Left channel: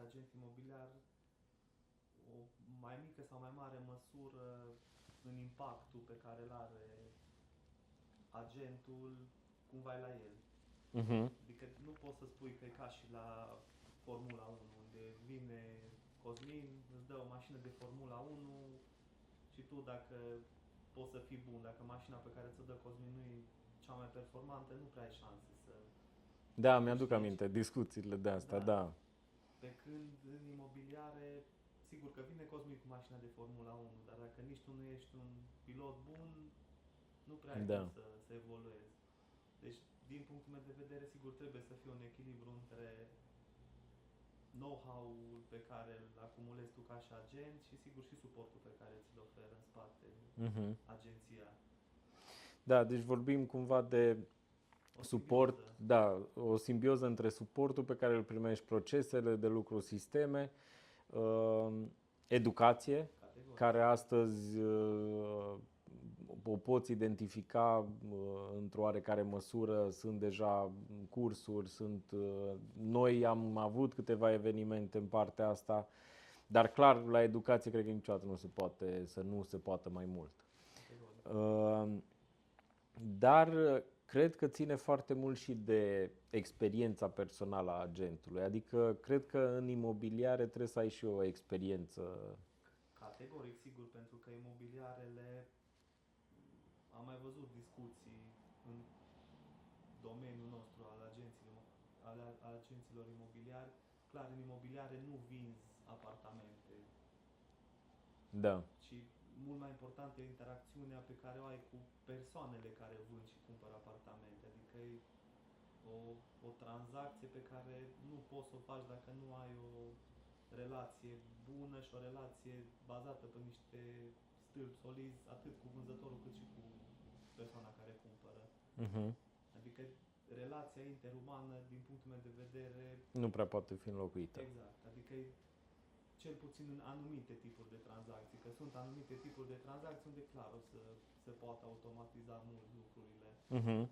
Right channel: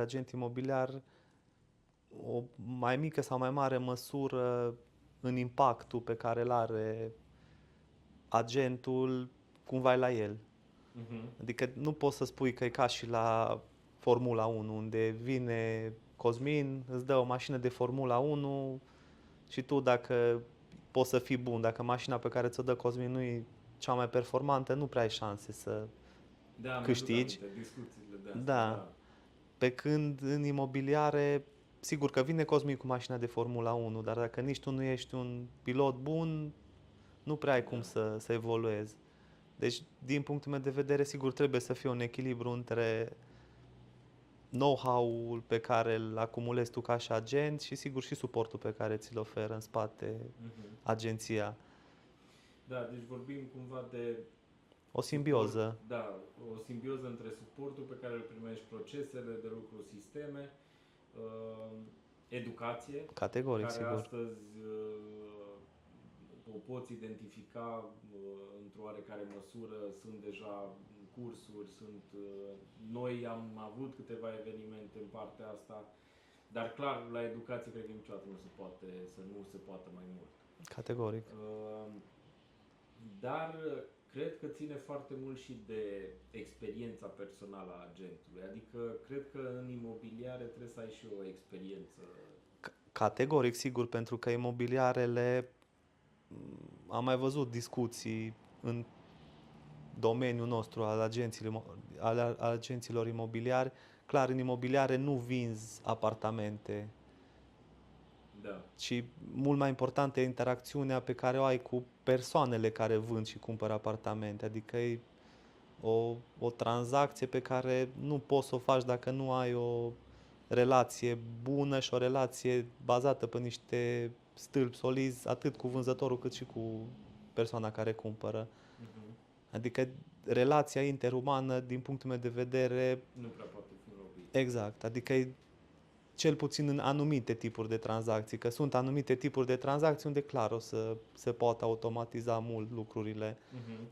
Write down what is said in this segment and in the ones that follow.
fiecare agent imobiliar o mai mică sau mai mare măsură în impactul pe care îl are agentul cumva e la el. Adică nu poți să spui că e ca și la Formula 1, unde vine Cosmin, îți dă o mașină de Formula 1 și tu dacă poți să fii bun, dacă mașina pe care ți-o dă Cosmin nu e cea mai performantă, nu prea ai șanse să Da, mi-aduc câștigi. aminte discuțiile de astea, Da. da. Pe când în imobiliare, sigur că vine Cosmin cu mașina de Formula 1, dar dacă nici tu nu ești un pilot bun, nu prea ai cum Da. să evoluezi. Deci, din punctul meu de vedere, sigur, trebuie să fie un echilibru între know-how-ul pe care îl acumulezi tu ca și agent și, sigur, și suportul pe care ți-l oferă în spate agenția. Da, deci vorbim cumva de O suport, simbioză. da, o simbioză între suportul pe care îl primești, procesele de lucru, sisteme, educație, Categoric, care sigur. astăzi o poți identifica într-o oarecare măsură, sunt deja cursuri, noi am avut câteva evenimente în partea asta, dar clar, la educație cred că niciodată nu se poate, să nu se poată mai mult. Categoric. Dar cred că ține foarte mult și de experiența personală a agentului. Adică cred că în imobiliare trebuie să ai și o experiență. Categoric, sigur, pentru că imobiliarele, am mai văzut discuții în domeniul nostru al agenților imobiliari. Clar, în imobiliare nu vinzi apartamente, Da. ci mult mai importantă e interacțiunea pe care o ai cu persoanele care vând și cumpără apartamente. Adică e o tranzacție pe care nu poți să o faci dacă nu ai o relație bună și o relație bazată pe niște stâlpi solizi, atât cu vânzătorul cât și cu persoana care cumpără. Adică relația interumană, din punctul meu de vedere, Nu prea poate fi înlocuit. exact, adică e cel puțin în anumite tipuri de tranzacții, că sunt anumite tipuri de tranzacții unde clar o să se poată automatiza mult lucrurile,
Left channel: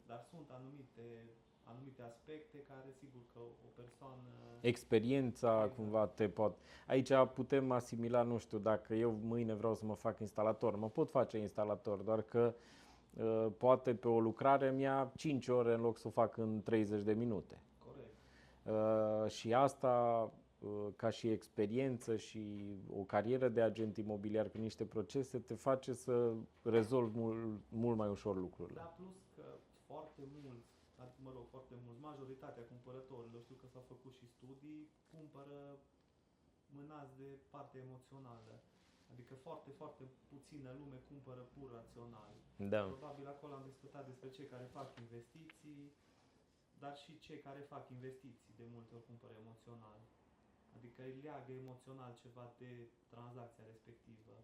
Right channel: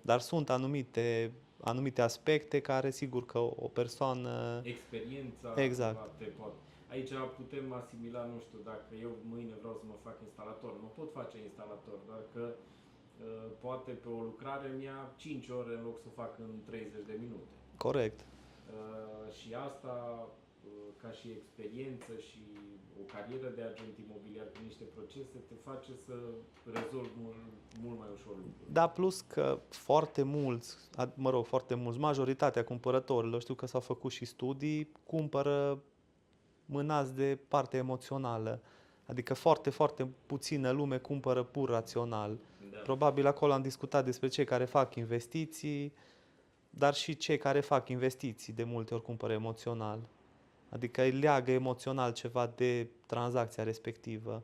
dar sunt anumite aspecte care sigur că o persoană... Experiența Exact, cumva te pot... Aici putem asimila, nu știu, dacă eu mâine vreau să mă fac instalator, mă pot face instalator, doar că poate pe o lucrare mi-a 5 ore în loc să o fac în 30 de minute. corect. Și asta, ca și experiență și o carieră de agent imobiliar cu niște procese, te face să rezolvi mult mai ușor lucruri. Da, plus că foarte mulți, majoritatea cumpărătorilor, știu că s-au făcut și studii, cumpără mânați de partea emoțională. Adică foarte, foarte puțină lume cumpără pur rațional. Da. Probabil acolo am discutat despre cei care fac investiții, dar și cei care fac investiții de multe ori cumpără emoțional. Adică îi leagă emoțional ceva de tranzacția respectivă.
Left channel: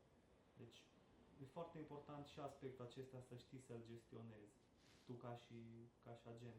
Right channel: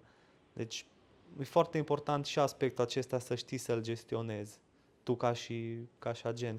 Deci e foarte important și aspectul acesta să știi să-l gestionezi tu ca și agent.